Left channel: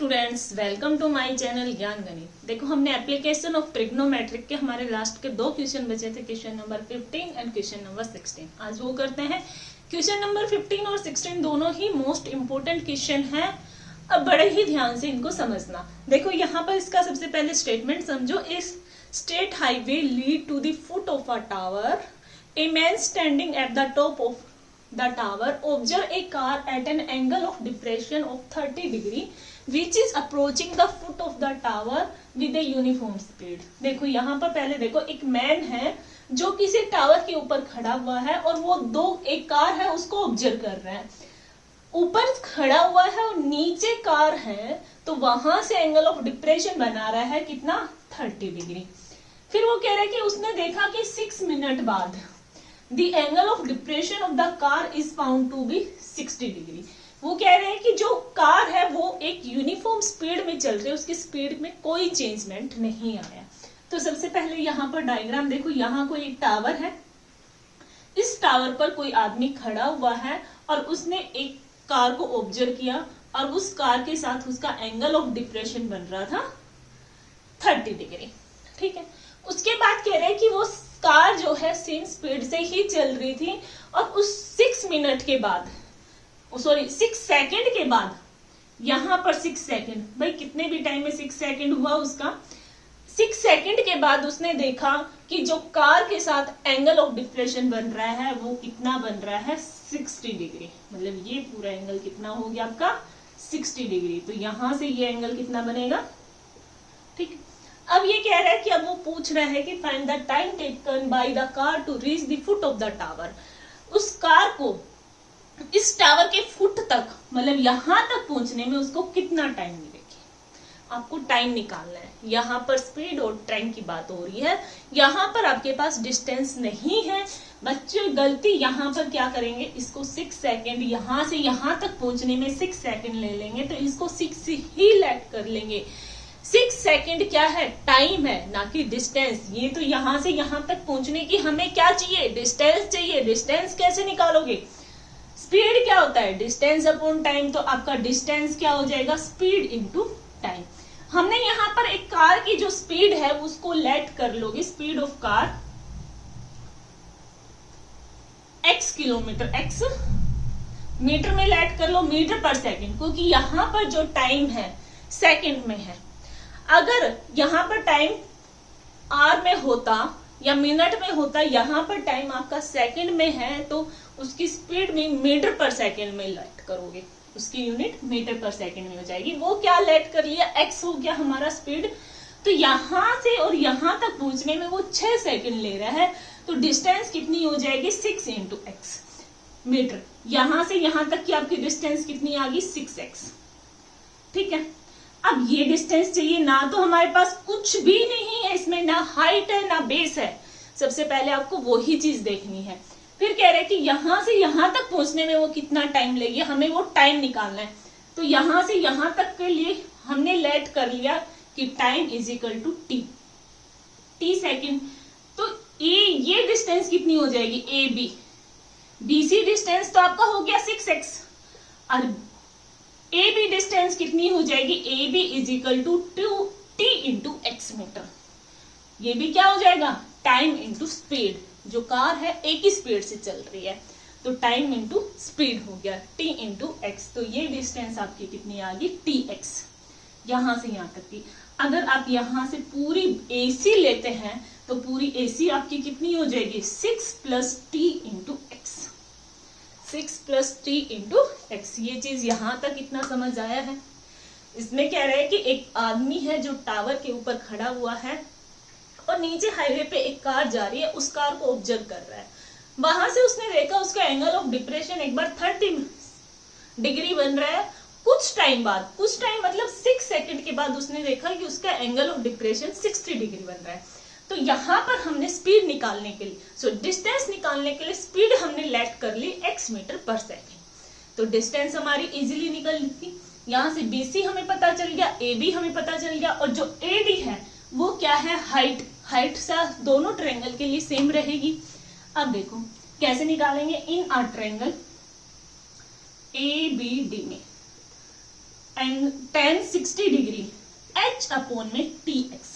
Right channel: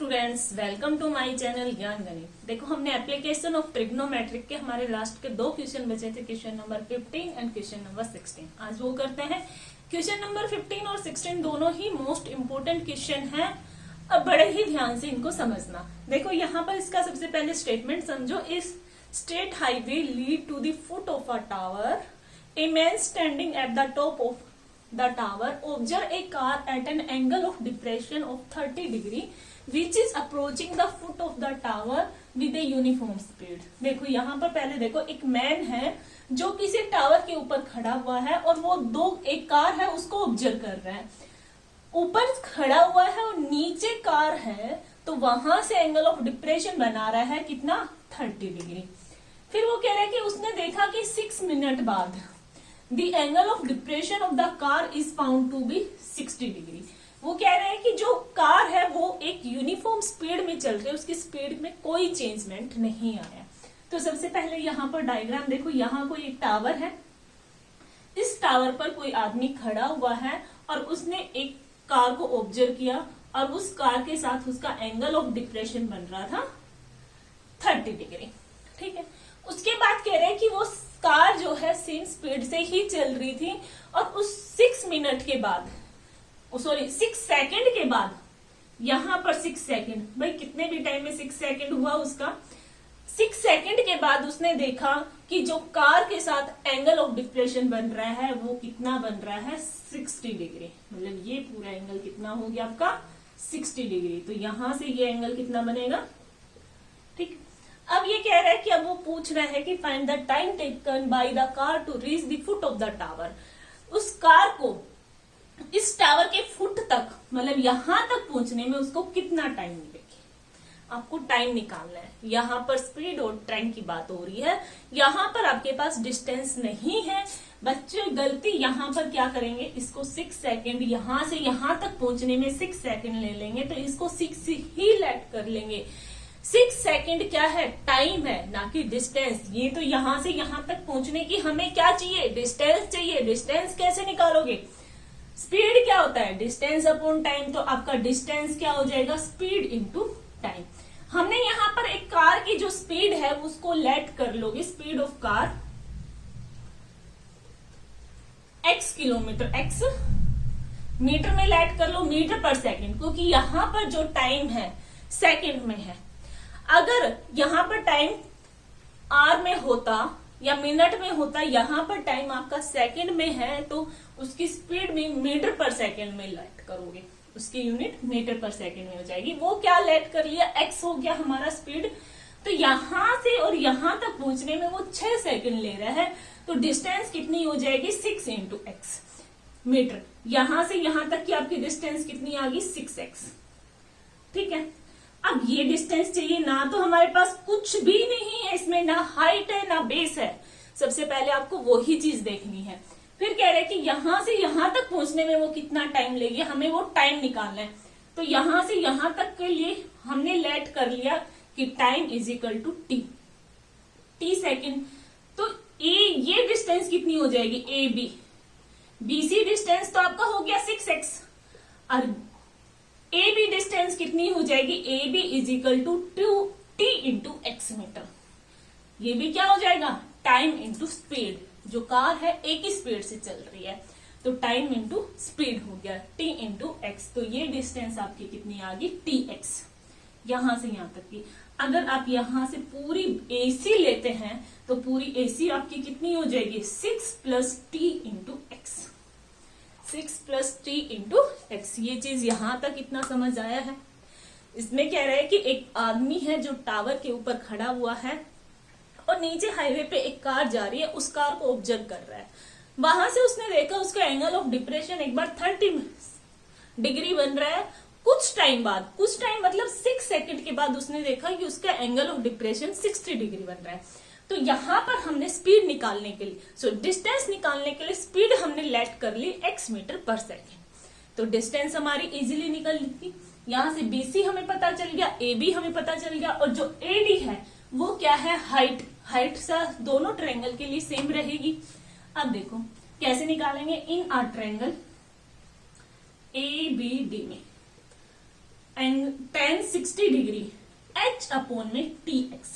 Students, welcome to my channel Gyan Ganit. देखो, हमने application of trigonometric के हमारे लास्ट के 2 क्वेश्चन बचे थे, question number 15 and question number 16। आज वो करते हैं। क्वेश्चन नंबर 15 और 16 दोनों ही मोस्ट इंपोर्टेंट क्वेश्चन है। अब बड़े ही ध्यान से इनको समझना। देखो, यहाँ पर इसका सबसे पहले स्टेटमेंट समझो। इस state highway lead to the foot of a tower. A man standing at the top of the tower observe a car at an angle of depression of 30 degree which is approaching the foot of the tower with a uniform speed। देखो, यहाँ पर पहले देखो, एक man है जो किसी tower के ऊपर खड़ा हुआ है और वो एक कार है उसको ऑब्जर्व कर रहा है। ऊपर खड़ा हुआ है और नीचे कार है, तो वहां से एंगल ऑफ डिप्रेशन बना रहा है कितना, 30 डिग्री। फिर वो कह रहा है कि उसने देखा कि 6 मिनट बाद The angle of depression of the car is found to be 60 degree। वो कह रहे हैं कि जो कार है वो एक यूनिफॉर्म स्पीड में चल रही है, उसकी स्पीड में कोई चेंजमेंट नहीं आया। तो सबसे पहले यहाँ पर डायग्राम देखो, यहाँ कोई एक टावर है। इस टावर पर कोई आदमी खड़ा हुआ है और उसने एक कार को ऑब्जर्व किया और उस कार के साथ उसका एंगल ऑफ डिप्रेशन बन रहा था 30 डिग्री। ठीक है। उसके बाद कह रहे हैं कि वो कार जो है सेम स्पीड से ही चल रही थी और उस 6 मिनट के बाद, 6 सेकंड के बाद, यहां पर 6 सेकंड, भाई कितने भी टाइम में 6 सेकंड हुआ उसका, 6 सेकंड के बाद उसने देखा कि जो कार के साथ एंगल ऑफ डिप्रेशन बन रहा है वो कितना बन रहा है, 60 डिग्री। मतलब ये पूरा एंगल कितना हो गया आपका, 60 डिग्री। तो यहां से ये एंगल कितना बनेगा, ठीक। अब ये कह रहा है कि अब वो पूछ रहा है कि find the time taken by the car to reach the foot of the tower. उस कार को इस टावर के फुट तक, मतलब यहां तक पहुंचने में उसको कितना टाइम मिलेगी, आपको टाइम निकालना है। यहाँ पर स्पीड और टाइम की बात हो रही है, यहाँ पर आपके पास डिस्टेंस नहीं है। बच्चे गलती यहाँ पर क्या करेंगे, इसको 6 सेकेंड, यहाँ से यहाँ तक पहुंचने में 6 सेकेंड ले लेंगे, तो इसको 6 ही लेट कर लेंगे। 6 सेकेंड क्या है, टाइम है, ना कि डिस्टेंस। ये तो यहां से यहां तक पहुंचने की हमें क्या चाहिए, डिस्टेंस चाहिए। डिस्टेंस कैसे निकालोगे, स्पीड क्या होता है, डिस्टेंस अपॉन टाइम। तो आपका डिस्टेंस क्या हो जाएगा, स्पीड इनटू टाइम। हमने यहाँ पर एक कार की जो स्पीड है उसको लेट कर लोगे, speed of car x kilometre, x metre में लेट कर लो, मीटर पर सेकेंड, क्योंकि यहाँ पर जो टाइम है सेकेंड में है। अगर यहाँ पर टाइम आर में होता या मिनट में होता, यहाँ पर टाइम आपका सेकंड में है, तो उसकी स्पीड में मीटर पर सेकंड में लेट करोगे, उसकी यूनिट मीटर पर सेकंड में हो जाएगी। वो क्या लेट कर लिया, एक्स हो गया हमारा स्पीड। तो यहां से और यहां तक पहुंचने में वो 6 सेकंड ले रहा है, तो डिस्टेंस कितनी हो जाएगी, 6 इंटू एक्स मीटर। यहां से यहां तक की आपकी डिस्टेंस कितनी आ गई, 6x। ठीक है। अब ये डिस्टेंस चाहिए, ना तो हमारे पास कुछ भी नहीं है इसमें, ना हाइट है ना बेस है। सबसे पहले आपको वो ही चीज देखनी है। फिर कह रहे हैं कि यहां से यहां तक पहुंचने में वो कितना टाइम लेगी, हमें वो टाइम निकालना है। तो यहां से यहां तक के लिए हमने लेट कर लिया कि time is equal to T second. तो ये डिस्टेंस कितनी हो जाएगी, ए बी, बीसी डिस्टेंस तो आपका हो गया 6x और ए बी डिस्टेंस कितनी हो जाएगी, A B is equal to 2t into X metre. ये भी क्या हो जाएगा, टाइम इंटू स्पीड। जो कार है एक ही स्पीड से चल रही है, तो टाइम इंटू स्पीड हो गया t इंटू एक्स। तो ये डिस्टेंस आपकी कितनी आ गई, tx, यहां से यहां तक की। अगर आप यहां से पूरी AC लेते हैं तो पूरी AC आपकी कितनी हो जाएगी, 6 + t into x, 6 + t into x. ये चीज यहां तक इतना समझ आया है। इसमें कह रहे हैं कि एक आदमी है जो टावर के ऊपर खड़ा हुआ है और नीचे हाईवे पे एक कार जा रही है, उस कार को ऑब्जर्व कर रहा है। वहां से उसने देखा उसका एंगल ऑफ डिप्रेशन एक बार 30 डिग्री बन रहा है। कुछ टाइम बाद, कुछ टाइम मतलब 6 सेकंड के बाद उसने देखा कि उसका एंगल ऑफ डिप्रेशन 60 डिग्री बन रहा है। तो यहां पर हमने स्पीड निकालने के लिए, डिस्टेंस निकालने के लिए स्पीड हमने लेट कर ली x मीटर पर सेकेंड। तो डिस्टेंस हमारी इजीली निकल थी। यहां से BC हमें पता चल गया, AB हमें पता चल गया, और जो AD है वो क्या है, हाइट। हाइट से दोनों ट्रायंगल के लिए सेम रहेगी। अब देखो कैसे निकालेंगे, इन अ ट्रायंगल ABD में tan 60 डिग्री h अपॉन में tx,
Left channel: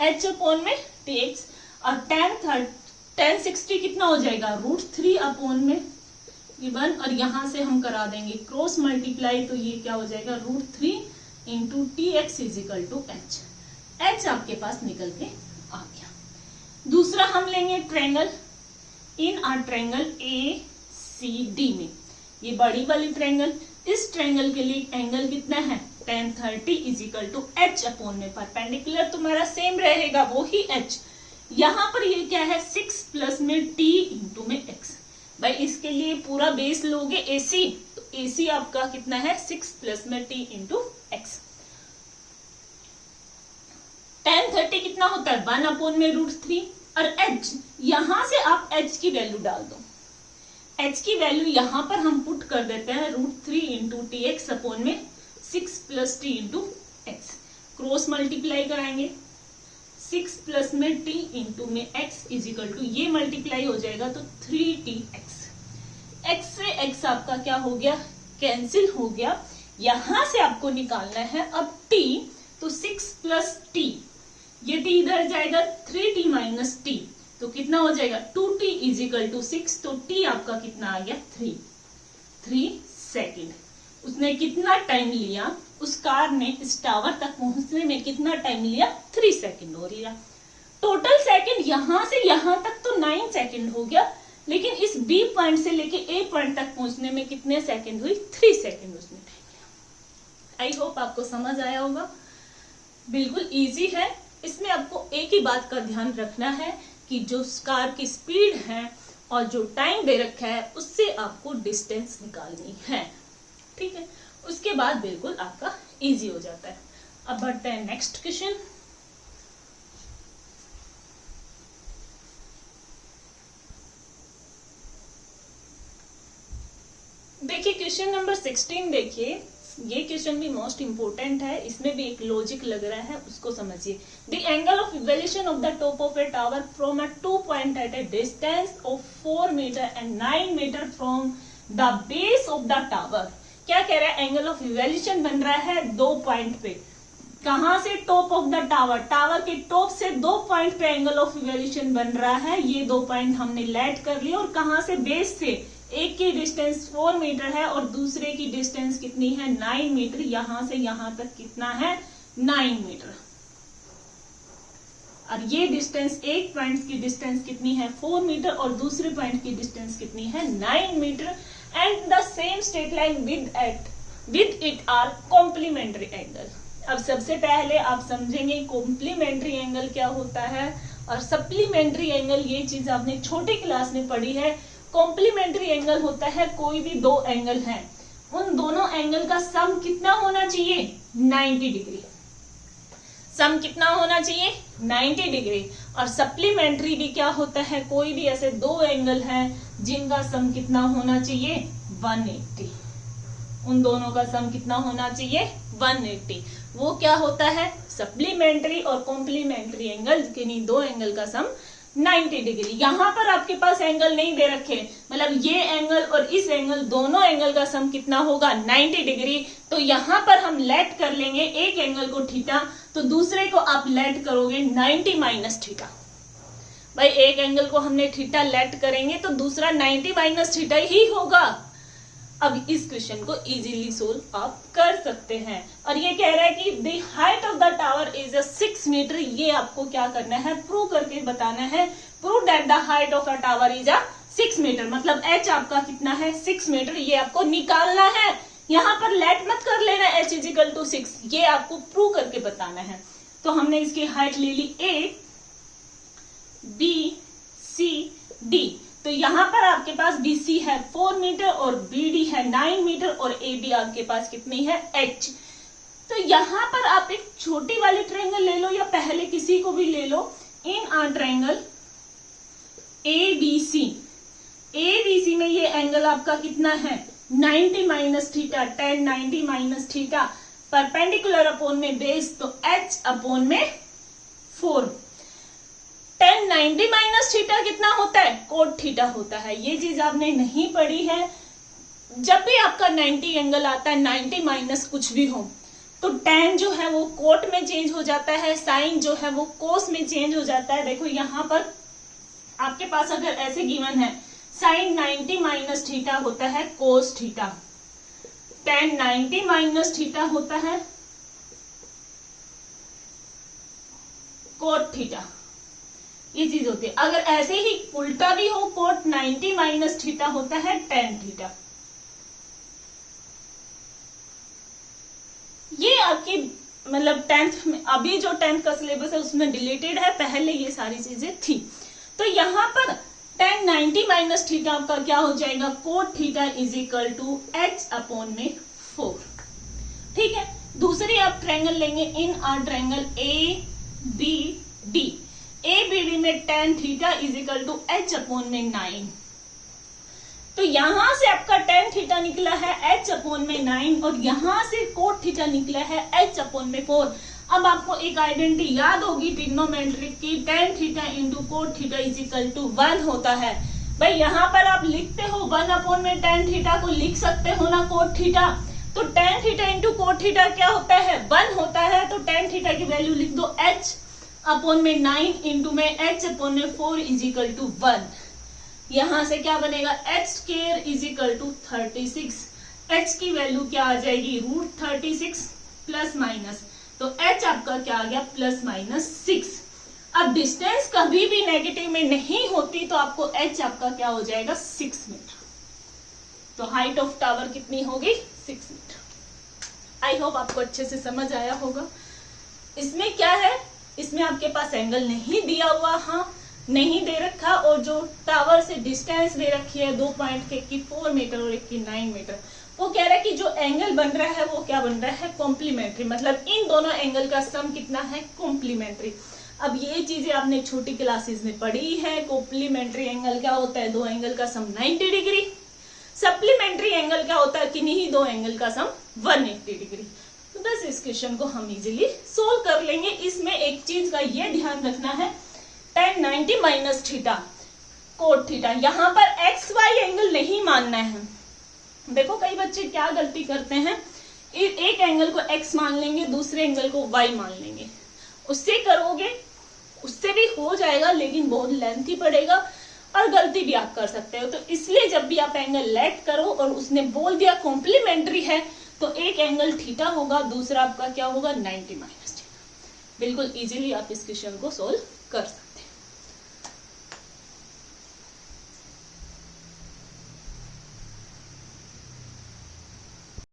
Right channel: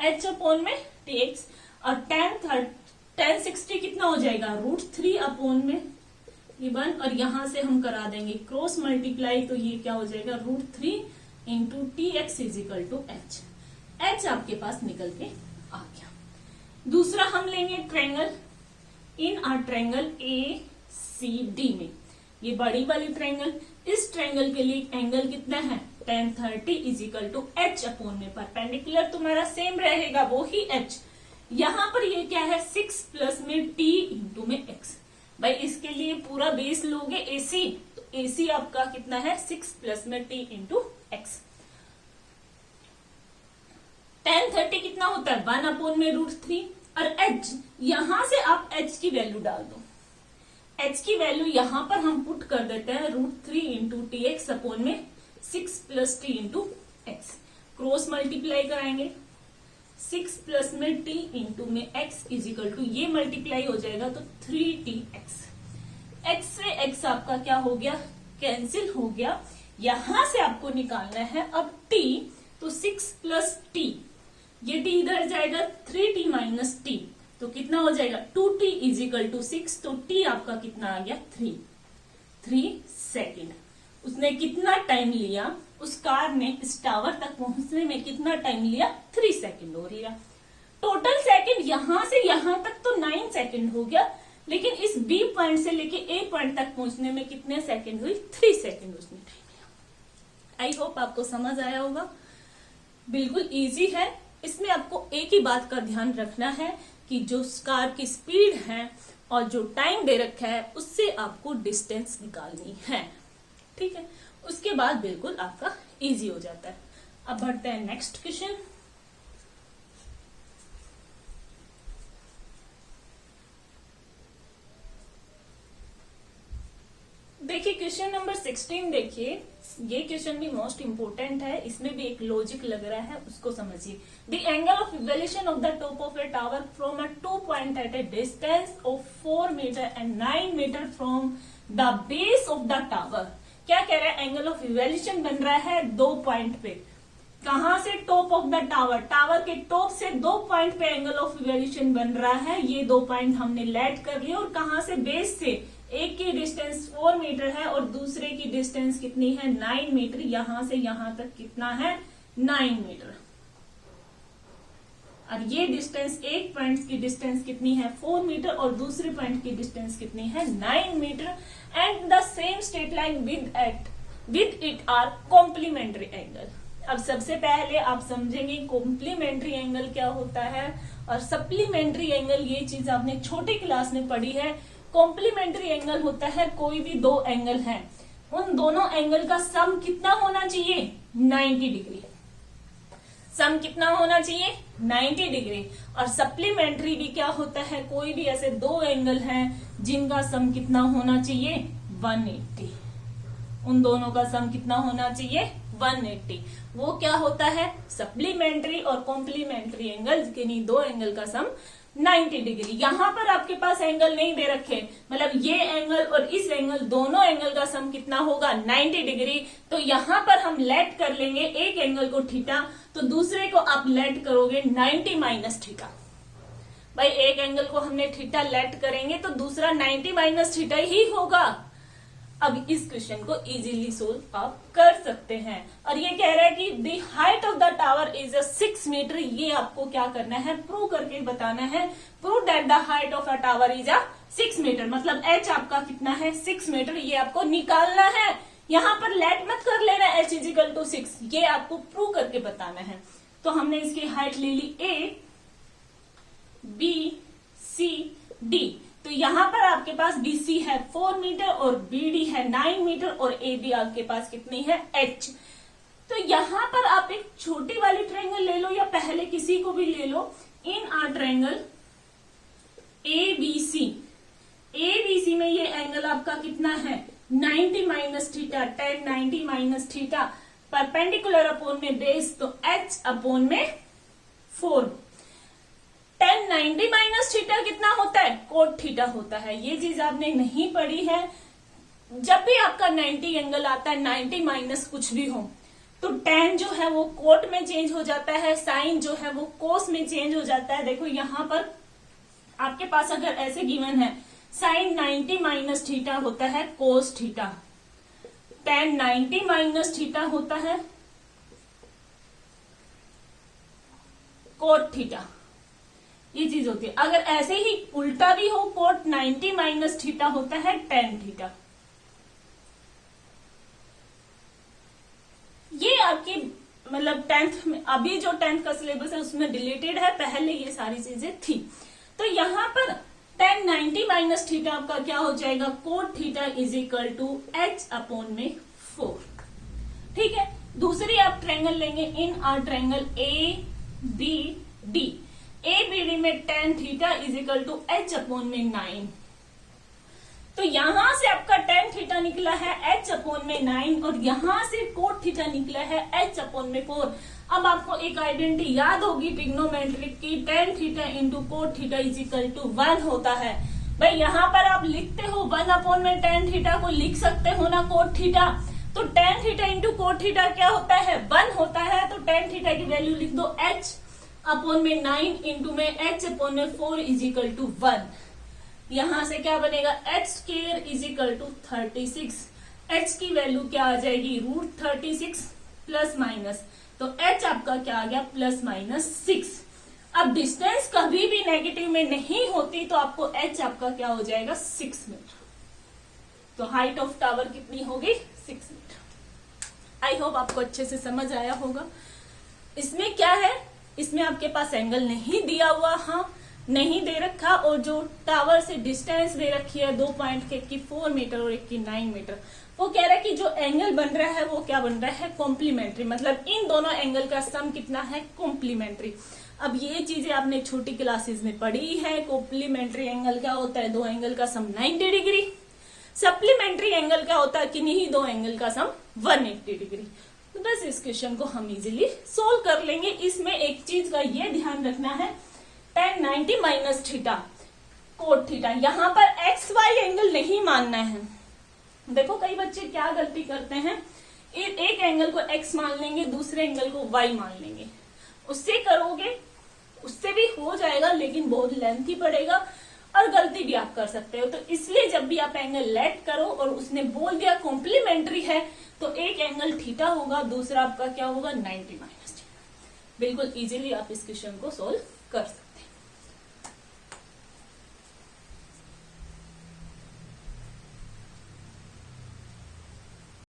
h अपॉन में tx, और tan 60 कितना हो जाएगा √3 अपॉन में 1, और यहां से हम करा देंगे क्रॉस मल्टीप्लाई, तो ये क्या हो जाएगा √3 into tx is equal to h। h आपके पास निकल के आ गया। दूसरा हम लेंगे triangle, in our triangle ACD में, ये बड़ी वाली ट्रायंगल, इस ट्रायंगल के लिए एंगल कितना है tan 30 is equal to h upon में परपेंडिकुलर तुम्हारा सेम रहेगा वो ही h। यहां पर ये क्या है 6 प्लस में t इंटू में x। भाई इसके लिए पूरा बेस लोगे AC, तो AC आपका कितना है 6 प्लस में t इंटू x। tan 30 कितना होता है 1 अपॉन में √3, और h यहां से आप h की वैल्यू डाल दो, h की वैल्यू यहां पर हम पुट कर देते हैं √3 इंटू tx अपॉन में 6 plus t into x, cross multiply कराएंगे 6 प्लस में t इंटू में x इज इक्वल टू, ये मल्टीप्लाई हो जाएगा तो 3tx, x से x आपका क्या हो गया कैंसिल हो गया। यहां से आपको निकालना है अब t, तो 6 प्लस t, ये t इधर जाएगा 3t माइनस t, तो कितना हो जाएगा 2t इज इक्वल टू 6, तो t आपका कितना आ गया 3 सेकेंड। उसने कितना टाइम लिया, उस कार ने इस टावर तक पहुंचने में कितना टाइम लिया 3 सेकेंड हो रहा। टोटल सेकेंड यहां से यहां तक तो 9 सेकेंड हो गया, लेकिन इस B पॉइंट से लेके A पॉइंट तक पहुंचने में कितने सेकेंड हुई 3 सेकेंड उसने टाइम लिया। आई होप आपको समझ आया होगा, बिल्कुल इजी है। इसमें आपको एक ही बात का ध्यान रखना है कि जो कार की स्पीड है और जो टाइम दे रखा है उससे आपको डिस्टेंस निकालनी है, ठीक है। उसके बाद बिल्कुल आपका इजी हो जाता है। अब बढ़ते हैं नेक्स्ट क्वेश्चन। देखिए क्वेश्चन नंबर 16 देखिए, ये क्वेश्चन भी मोस्ट इंपोर्टेंट है, इसमें भी एक लॉजिक लग रहा है, उसको समझिए। The angle of evolution of the top of a tower from a 2 point at a distance of 4 metre and 9 metre from the base of the tower. क्या कह रहा है, एंगल ऑफ इवोल्यूशन बन रहा है 2 पॉइंट पे, कहां से top of the tower, tower के टॉप से 2 पॉइंट पे एंगल ऑफ इवोल्यूशन बन रहा है। ये 2 पॉइंट हमने लेट कर लिया, और कहां से बेस से, एक की डिस्टेंस 4 मीटर है और दूसरे की डिस्टेंस कितनी है 9 मीटर, यहां से यहां तक कितना है 9 मीटर, और ये डिस्टेंस एक पॉइंट की डिस्टेंस कितनी है 4 मीटर और दूसरे पॉइंट की डिस्टेंस कितनी है 9 metre, and the same straight line with it are complementary angle. अब सबसे पहले आप समझेंगे कॉम्प्लीमेंट्री एंगल क्या होता है और सप्लीमेंट्री एंगल, ये चीज आपने छोटी क्लास में पढ़ी है। कॉम्प्लीमेंट्री एंगल होता है कोई भी 2 एंगल हैं, उन दोनों एंगल का सम कितना होना चाहिए 90 डिग्री, सम कितना होना चाहिए 90 डिग्री। और सप्लीमेंट्री भी क्या होता है, कोई भी ऐसे 2 एंगल हैं जिनका सम कितना होना चाहिए 180, उन दोनों का सम कितना होना चाहिए 180। वो क्या होता है सप्लीमेंट्री और कॉम्प्लीमेंट्री एंगल, किन्हीं 2 एंगल का सम 90 डिग्री। यहां पर आपके पास एंगल नहीं दे रखे, मतलब ये एंगल और इस एंगल, दोनों एंगल का सम कितना होगा 90 डिग्री। तो यहां पर हम लेट कर लेंगे एक एंगल को थीटा, तो दूसरे को आप लेट करोगे 90 माइनस थीटा। भाई एक एंगल को हमने थीटा लेट करेंगे तो दूसरा 90 माइनस थीटा ही होगा। अब इस क्वेश्चन को इजीली सोल्व आप कर सकते हैं। और ये कह रहा है कि the height of the tower is 6 metre, ये आपको क्या करना है प्रूव करके बताना है। Prove that the height of a tower is 6 metre, मतलब h आपका कितना है 6 मीटर, ये आपको निकालना है। यहाँ पर लेट मत कर लेना h इज इक्वल टू 6, ये आपको प्रूव करके बताना है। तो हमने इसकी हाइट ले ली a b c d, तो यहां पर आपके पास BC है 4 मीटर और BD है 9 मीटर और AB आपके पास कितनी है H। तो यहां पर आप एक छोटी वाली ट्रायंगल ले लो या पहले किसी को भी ले लो। In our triangle ABC, ABC में ये एंगल आपका कितना है 90 minus theta, tan 90 minus theta, perpendicular upon में बेस, तो H अपॉन में 4। tan 90 माइनस थीटा कितना होता है कोट थीटा होता है। ये चीज आपने नहीं पढ़ी है, जब भी आपका 90 एंगल आता है, 90 माइनस कुछ भी हो, तो tan जो है वो कोट में चेंज हो जाता है, साइन जो है वो कोस में चेंज हो जाता है। देखो यहाँ पर आपके पास अगर ऐसे गिवन है, साइन 90 माइनस थीटा होता है cos theta, tan 90 minus theta होता है कोट थीटा, ये चीज होती है। अगर ऐसे ही उल्टा भी हो, कोट 90 माइनस थीटा होता है tan थीटा। ये आपकी मतलब 10th में, अभी जो 10th का सिलेबस है उसमें डिलीटेड है, पहले ये सारी चीजें थी। तो यहाँ पर tan 90 माइनस थीटा आपका क्या हो जाएगा, cot theta is equal to h upon में 4। ठीक है, दूसरी आप ट्रायंगल लेंगे in our triangle A B D, A B D में tan theta is equal to h upon में 9। तो यहां से आपका tan थीटा निकला है h अपॉन में 9 और यहां से कोट थीटा निकला है h अपॉन में 4। अब आपको एक आइडेंटिटी याद होगी ट्रिग्नोमेट्रिक की, tan theta into cot theta is equal to 1 होता है। भाई यहाँ पर आप लिखते हो 1 अपॉन में tan थीटा को लिख सकते हो ना कोट थीटा, तो tan theta into cot theta क्या होता है, 1 होता है। तो tan थीटा की वैल्यू लिख दो h अपॉन में 9 इंटू में h अपॉन में 4 इज इक्वल टू 1। यहां से क्या बनेगा, h square is equal to 36। h की वैल्यू क्या आ जाएगी, √36 प्लस माइनस, तो h आपका क्या आ गया, प्लस माइनस 6। अब डिस्टेंस कभी भी नेगेटिव में नहीं होती, तो आपको h आपका क्या हो जाएगा, 6 मीटर। तो हाइट ऑफ टावर कितनी होगी, 6 मीटर। आई होप आपको अच्छे से समझ आया होगा। इसमें क्या है, इसमें आपके पास एंगल नहीं दिया हुआ, हाँ नहीं दे रखा, और जो टावर से डिस्टेंस दे रखी है 2 पॉइंट के, एक की 4 मीटर और एक की 9 मीटर, वो कह रहा है कि जो एंगल बन रहा है वो क्या बन रहा है, कॉम्प्लीमेंट्री, मतलब इन दोनों एंगल का सम कितना है, कॉम्प्लीमेंट्री। अब ये चीजें आपने छोटी क्लासेस में पढ़ी है, कॉम्प्लीमेंट्री एंगल क्या होता है, दो एंगल का सम 90 डिग्री, सप्लीमेंट्री एंगल क्या होता है, किन्हीं दो एंगल का सम 180 डिग्री। तो बस इस क्वेश्चन को हम इजीली सोल्व कर लेंगे। इसमें एक चीज का ये ध्यान रखना है, tan 90 minus theta cot theta, यहाँ पर एक्स वाई एंगल नहीं मानना है। देखो कई बच्चे क्या गलती करते हैं, एक एंगल को x मान लेंगे, दूसरे एंगल को y मान लेंगे। उससे करोगे उससे भी हो जाएगा, लेकिन बहुत लेंथी पड़ेगा और गलती भी आप कर सकते हो। तो इसलिए जब भी आप एंगल लेट करो और उसने बोल दिया कॉम्प्लीमेंट्री है, तो एक एंगल थीटा होगा, दूसरा आपका क्या होगा, 90 माइनस थीटा। बिल्कुल इजीली आप इस क्वेश्चन को सोल्व कर सकते हो।